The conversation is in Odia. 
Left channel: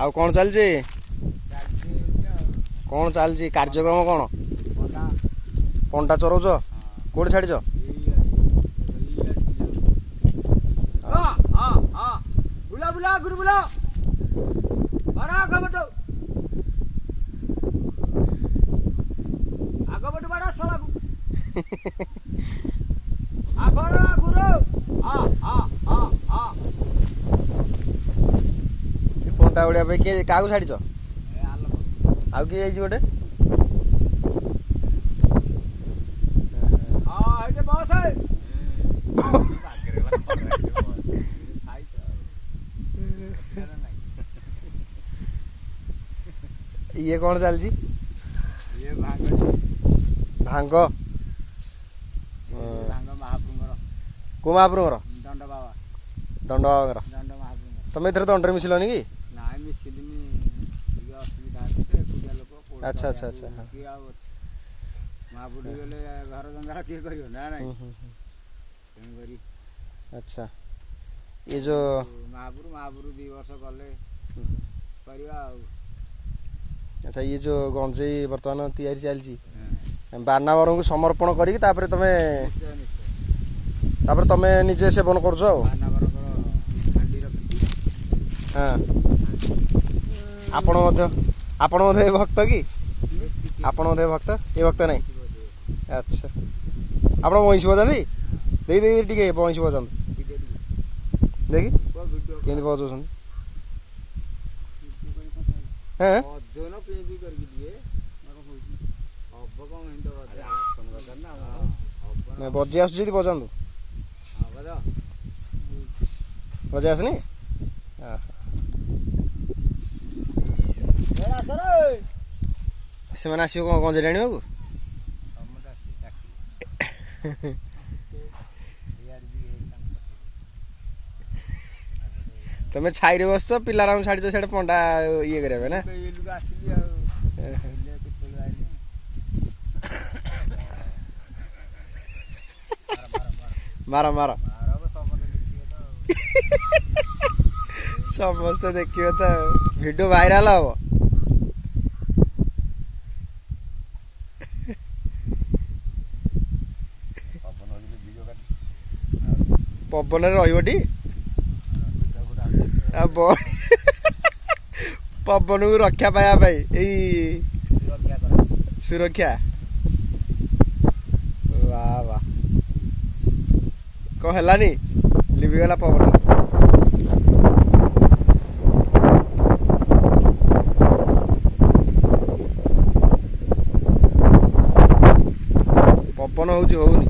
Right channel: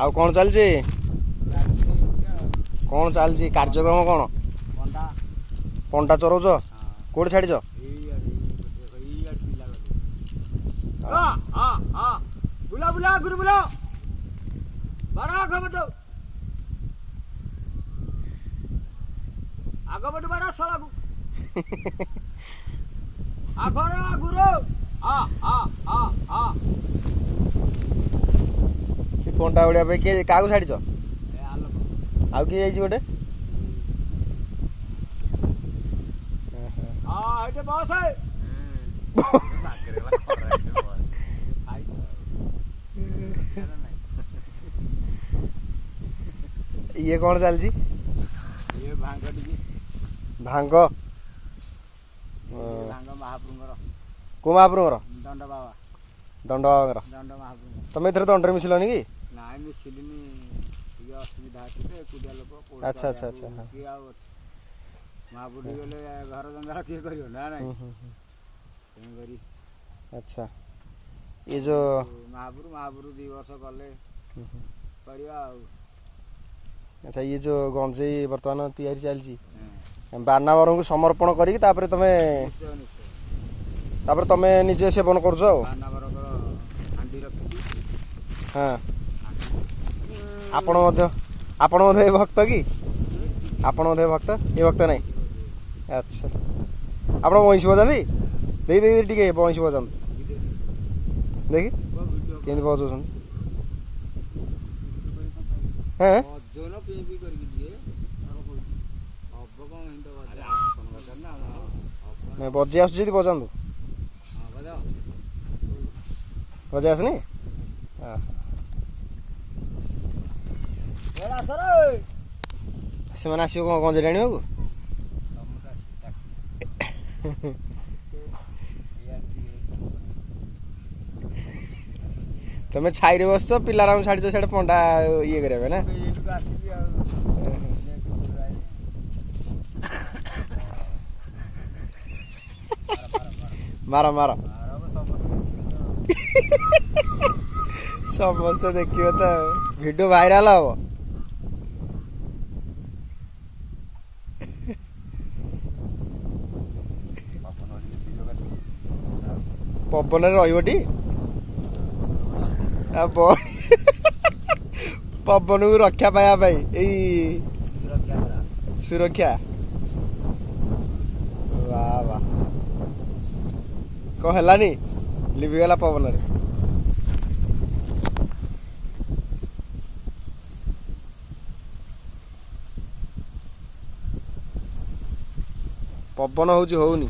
ଆଉ କ'ଣ ଚାଲିଛି? କ'ଣ ଚାଲିଛି କାର୍ଯ୍ୟକ୍ରମ କ'ଣ? ପଣ୍ଡା ଚରଉଛ? କୋଉଠି ଛାଡ଼ିଛ? ବୁଲା ବୁଲା ଗୁରୁ ବୁଲା ବାଡ଼ା ଆଗପଟୁ ବାଡ଼ା ସଳାକୁ ଆଗର ଗୁରୁ ପଣ୍ଡା ଉଡ଼ିବା ପାଇଁ କିଏ କାହାକୁ ଛାଡ଼ିଛ? ଆଉ କିଏ ଯାଇଛି ଗୋଟେ? ଏଇଠି ବସ ଇଏ କ'ଣ ଚାଲିଛି? ଭାଙ୍ଗ ମହାପ୍ରଭୁଙ୍କର। କୋଉ ମହାପ୍ରଭୁଙ୍କର? ଦଣ୍ଡ ବାବା। ଦଣ୍ଡ ବାବାଙ୍କର। ଦଣ୍ଡ ମହାପ୍ରଭୁ। ତମେ ଏଥିରେ ଦଣ୍ଡରେ ମିଶିଲନି କି? ନାଇଁ ମିଶିଲିନି, ଟିକେ ଅସୁବିଧା ଅଛି ତ, ଏକୁଟିଆ ଲୋକ। ଆଚ୍ଛା ଆଚ୍ଛା ଆଚ୍ଛା। କିଏ ଆଉ ଅଛି? ମହାପୁରୁ ଗଲେ ଘର ଜଞ୍ଜାଳ କିଏ କରିବ ନା ନାଇଁ? ତେଣୁକରି ଆଚ୍ଛା ଇଏ ଯୋଉ ମହାପୁରୁ 2 ବର୍ଷ ଗଲେ କରିବା ଆଉ। ଆଚ୍ଛା ଇଏ ଯୋଉ ଗଞ୍ଜେଇ ବର୍ତ୍ତମାନ ତିଆରି ଚାଲିଛି, ବାନାବରଙ୍କୁ ସମର୍ପଣ କରିକି ତାପରେ ତମେ ନିଜେ ସେବନ କରୁଛ ଆଉ? ହଁ। ଆପଣ ମଧ୍ୟ ଏ ଭକ୍ତ କି? ଆପଣ ମଧ୍ୟ ଭକ୍ତ? ଏ ଭକ୍ତ ନାହିଁ? ଆଚ୍ଛା ଆପଣ ବଇଁଶୀ ବଜାନ୍ତି? ଦେଇ ଟିକେ ବଇଁଶୀ ବଜାନ୍ତୁ ଦେଖି କେମିତି ବଜାଉଛନ୍ତି। ହଁ ବଜେଇ ଆସୁଛି ଯଦି ବଜାନ୍ତୁ। ବଜେଇ ଆସୁନି? ସେମାନେ ଆସିବ କ'ଣ ଗଞ୍ଜେଇ ଆଣିବାକୁ? ତମେ ଛାଇରେ ବସିଛ, ପିଲାରାଙ୍କୁ ଛାଡ଼ିଛ ସିଆଡ଼େ ପଣ୍ଡା ଇଏ କରିବା ପାଇଁ ନା? ମାର ମାର ସମସ୍ତେ ଦେଖିବ ତ, ଭିଡ଼ିଓ ଭାଇରାଲ ହବ। ପବନରେ ରହିବଟି ପବନକୁ ରକ୍ଷା ପାଇବା ପାଇଁ ଏଇ ସୁରକ୍ଷା। ବାଃ ବାଃ, କ'ଣ ହେଲାନି? ଲିଭିଗଲା ପବନରେ। ପବନ ହଉଛି, ହଉନି।